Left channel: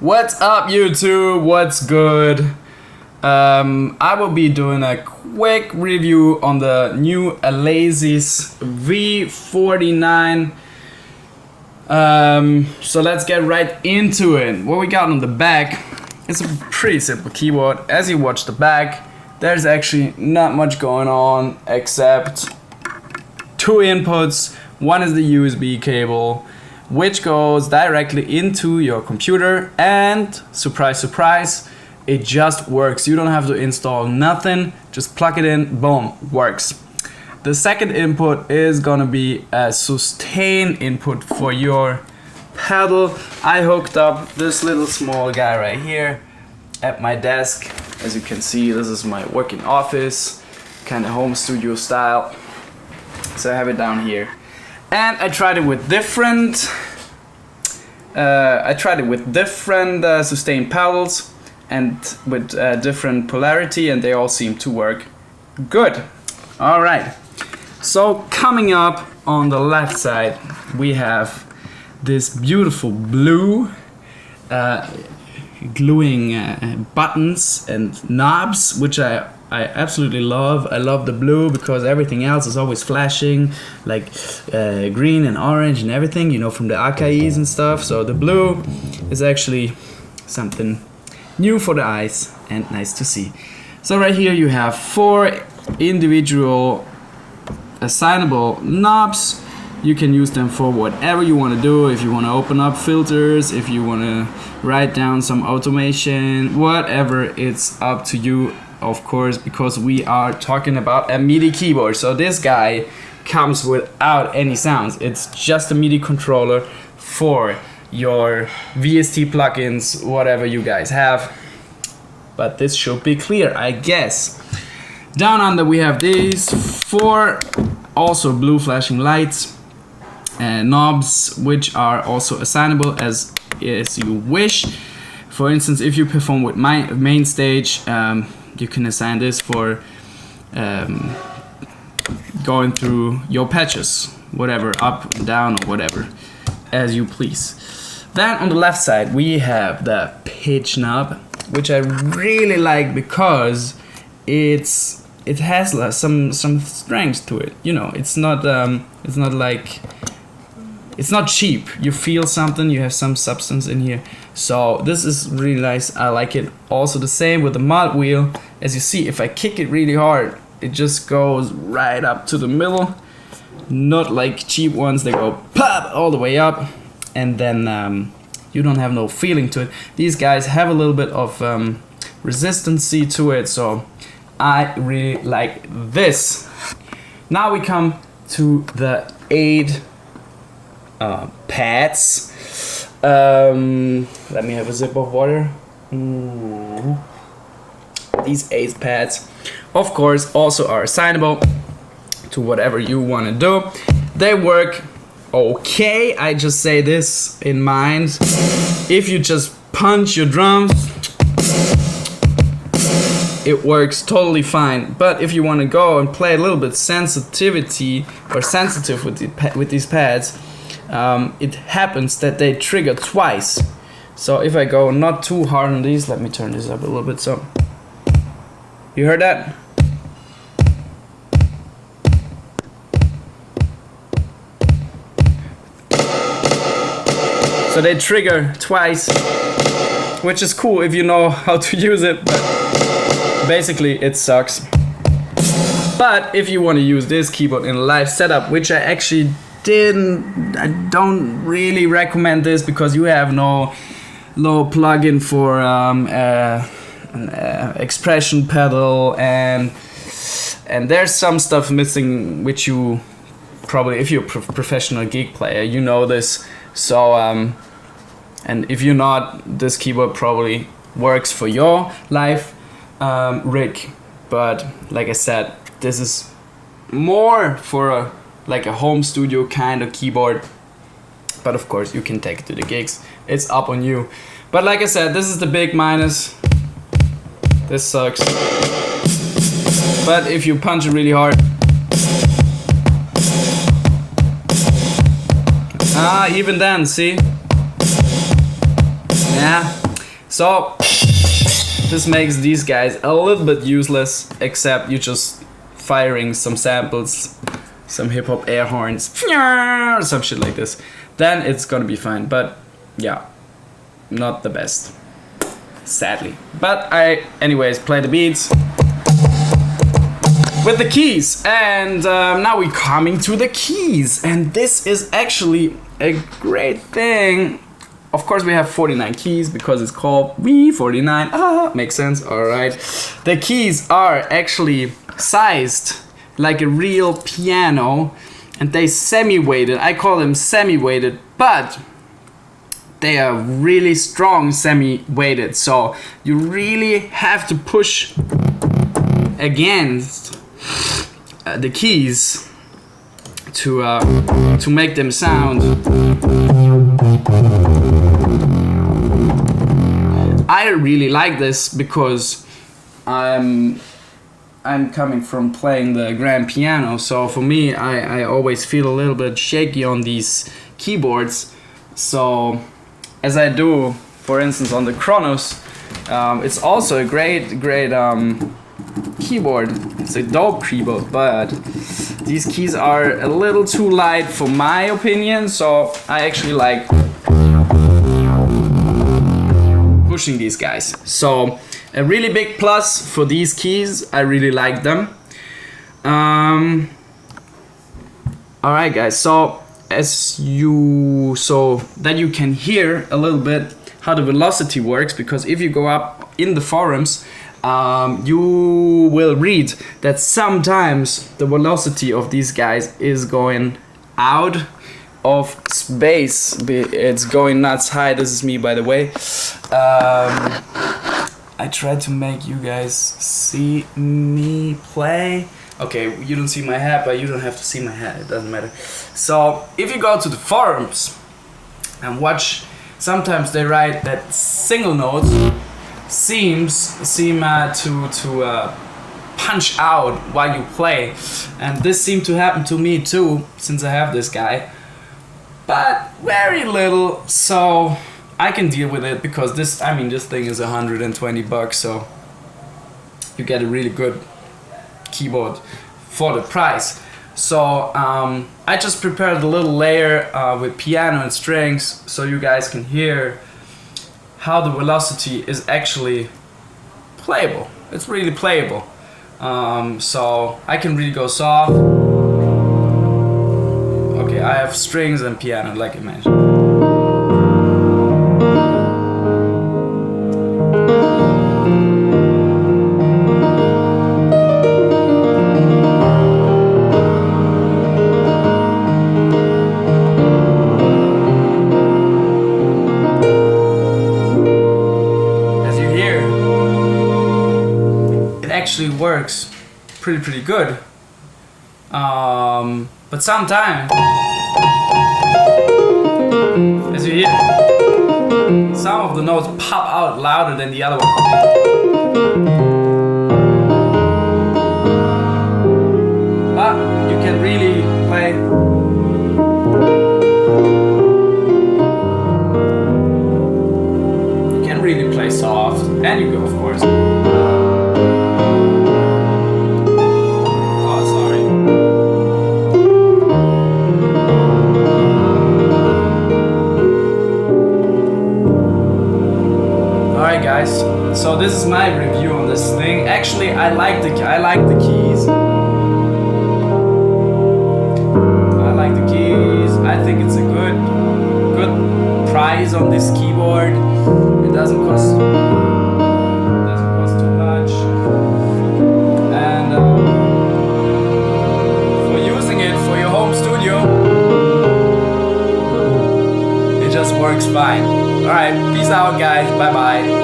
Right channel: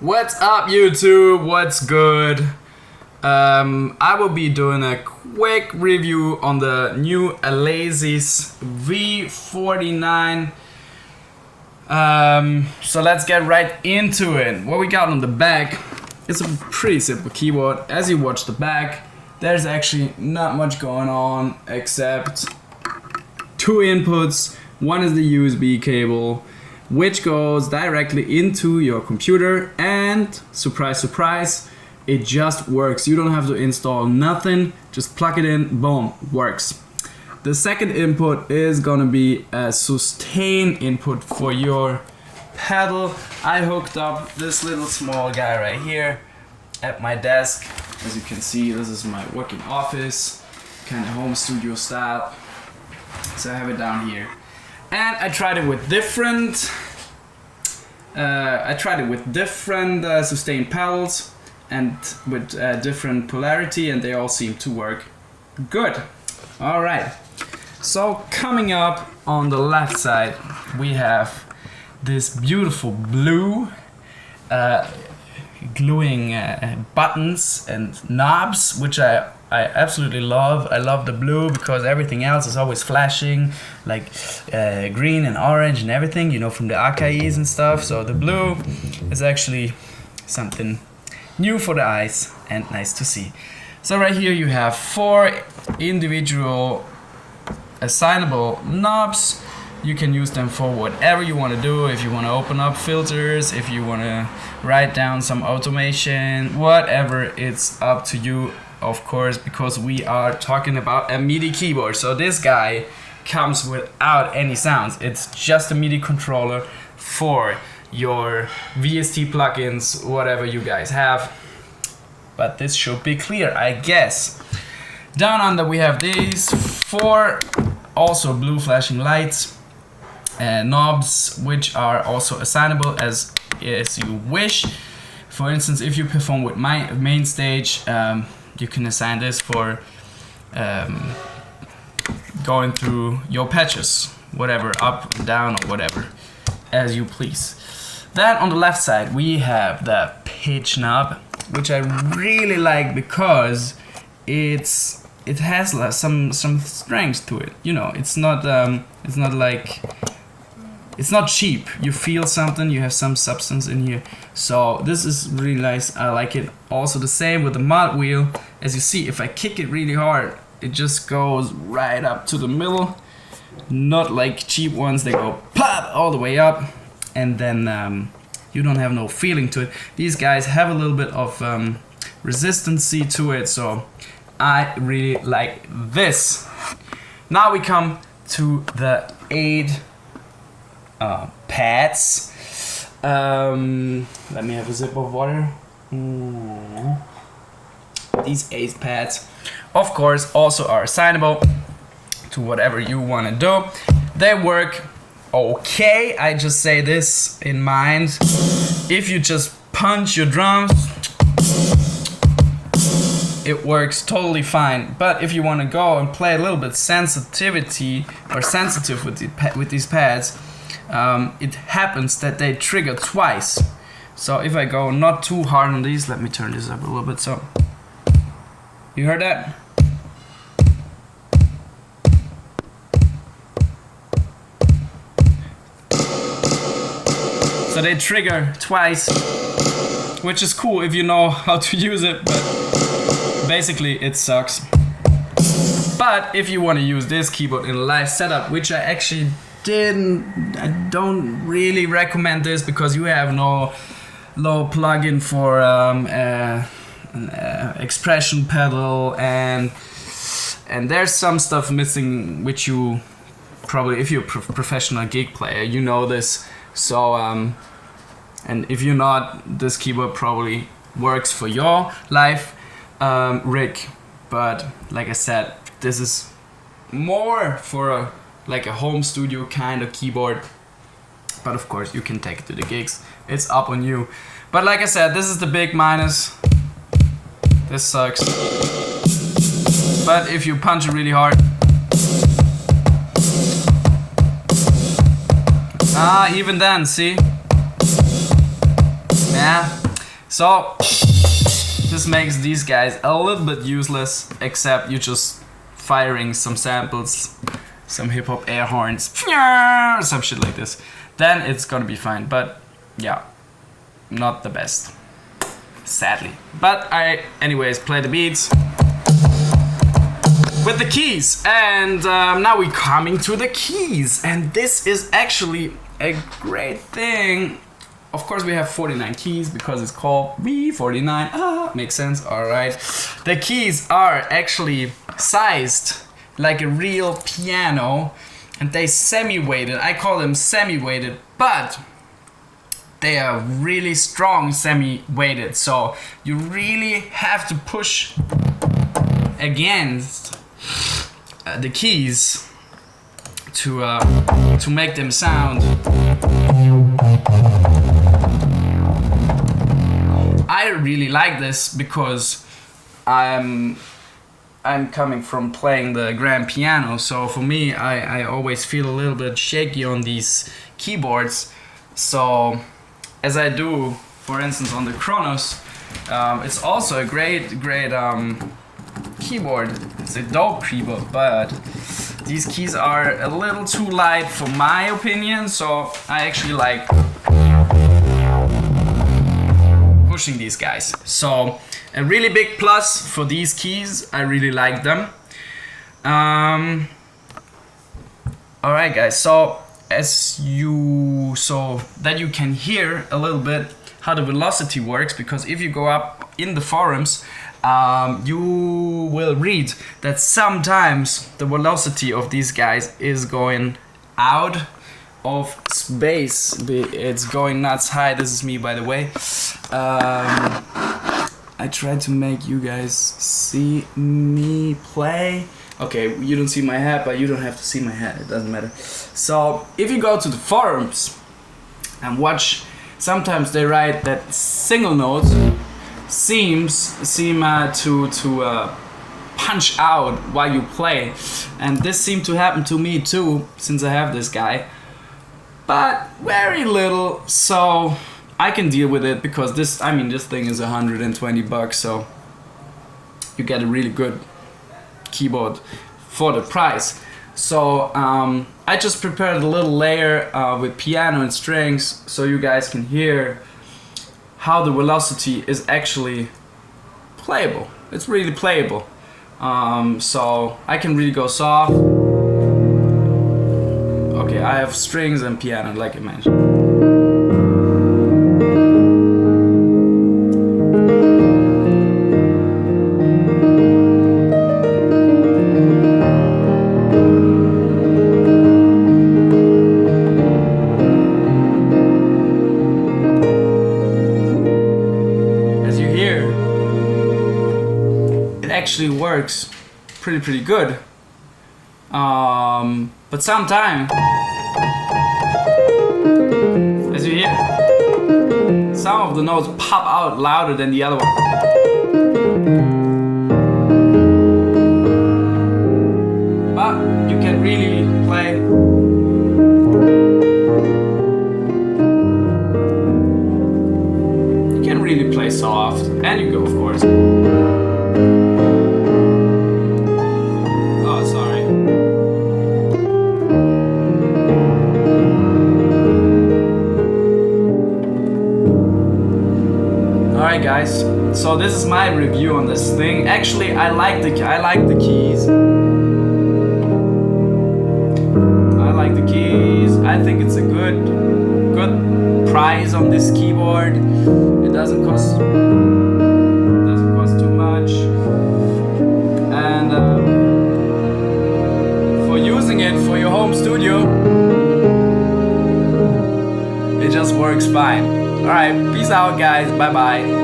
What's up, YouTube? What's good? I will be doing a quick review on the new Alesis V49. So let's get right into it. What we got on the back is a pretty simple keyboard. As you watch the back, there's actually not much going on except two inputs. One is the USB cable, which goes directly into your computer, and surprise surprise, it just works. You don't have to install nothing, just plug it in, boom, works. The second input is gonna be a sustain input for your pedal. I hooked up this little small guy right here at my desk. As you can see, this is my working office, kind of home studio style. So I have it down here. And I tried it with different sustain pedals and with different polarity, and they all seem to work good. All right. So coming up on the left side, we have this beautiful blue gluing buttons and knobs, which I absolutely love. I love the blue because everything else is always flashing, like green and orange and everything, you know, from the archives and stuff. So the blue is actually something new for the eyes and nice to see. So right here you have 4 individual assignable knobs. You can use them for whatever you want to do. If you want to open up filters, if you want to write down some automation, whatever, it's up to you, of course, because we are talking about a MIDI keyboard. So this guy comes without any sounds. It's just a MIDI controller for your VST plugins, whatever you guys have. But this should be clear, I guess. Down under we have these 4 also blue flashing lights and knobs, which are also assignable as you wish. For instance, if you perform with my main stage, you can assign this for going through your patches, whatever, up and down or whatever, as you please. Then on the left side we have the pitch knob, which I really like because it has some strength to it. You know, it's not cheap. You feel something, you have some substance in here. So this is really nice. I like it. Also the same with the mod wheel. As you see, if I kick it really hard, it just goes right up to the middle. Not like cheap ones, they go pop all the way up, and then you don't have no feeling to it. These guys have a little bit of resistancy to it, so I really like this. Now we come to the 8 pads. Let me have a sip of water. These 8 pads, of course, also are assignable to whatever you want to do. They work okay. I just say this in mind. If you just punch your drums, it works totally fine. But if you want to go and play a little bit sensitive with these pads, it happens that they trigger twice. So if I go not too hard on these, let me turn this up a little bit. So you heard that? So they trigger twice, which is cool if you know how to use it, but basically it sucks. But if you want to use this keyboard in a live setup, which I actually I don't really recommend this because you have no plugin for expression pedal, and there's some stuff missing which you probably, if you're a professional gig player, you know this. So and if you're not, this keyboard probably works for your live rig. But like I said, this is more for a home studio kind of keyboard. But of course you can take it to the gigs, it's up on you. But like I said, this is the big minus. This sucks. But if you punch it really hard, even then, see? Yeah, So this makes these guys a little bit useless, except you just firing some samples, some hip hop air horns, some shit like this. Then it's gonna be fine. But yeah, not the best, sadly. But I, anyways, play the beats with the keys, and now we're coming to the keys, and this is actually a great thing. Of course, we have 49 keys because it's called V49. Ah, makes sense. All right. The keys are actually sized like a real piano, and they semi-weighted. I call them semi-weighted, but they are really strong semi-weighted. So you really have to push against the keys to make them sound. I really like this because I'm coming from playing the grand piano, so for me I always feel a little bit shaky on these keyboards. So as I do, for instance, on the Kronos, it's also a great keyboard. It's a dope keyboard, but these keys are a little too light for my opinion, so I actually like pushing these guys. So a really big plus for these keys. I really like them. All right, guys. So so that you can hear a little bit how the velocity works, because if you go up in the forums, you will read that sometimes the velocity of these guys is going out of space. It's going nuts. Hi, this is me, by the way. I tried to make you guys see me play. Okay, you don't see my hat, but you don't have to see my hat. It doesn't matter. So if you go to the forums and watch, sometimes they write that single notes seem to punch out while you play, and this seemed to happen to me too, since I have this guy, but very little, so I can deal with it, because this thing is $120, so you get a really good keyboard for the price. So I just prepared a little layer with piano and strings, so you guys can hear how the velocity is actually playable. It's really playable. So I can really go soft. Okay, I have strings and piano, like I mentioned. Actually works pretty good, but sometimes, as you hear, some of the notes pop out louder than the other one. But you can really play. You can really play soft, and you go, of course. Alright guys, so this is my review on this thing. Actually, I like the keys. I like the keys. I think it's a good price on this keyboard. It doesn't cost too much, and for using it for your home studio, it just works fine. Alright, peace out guys, bye bye.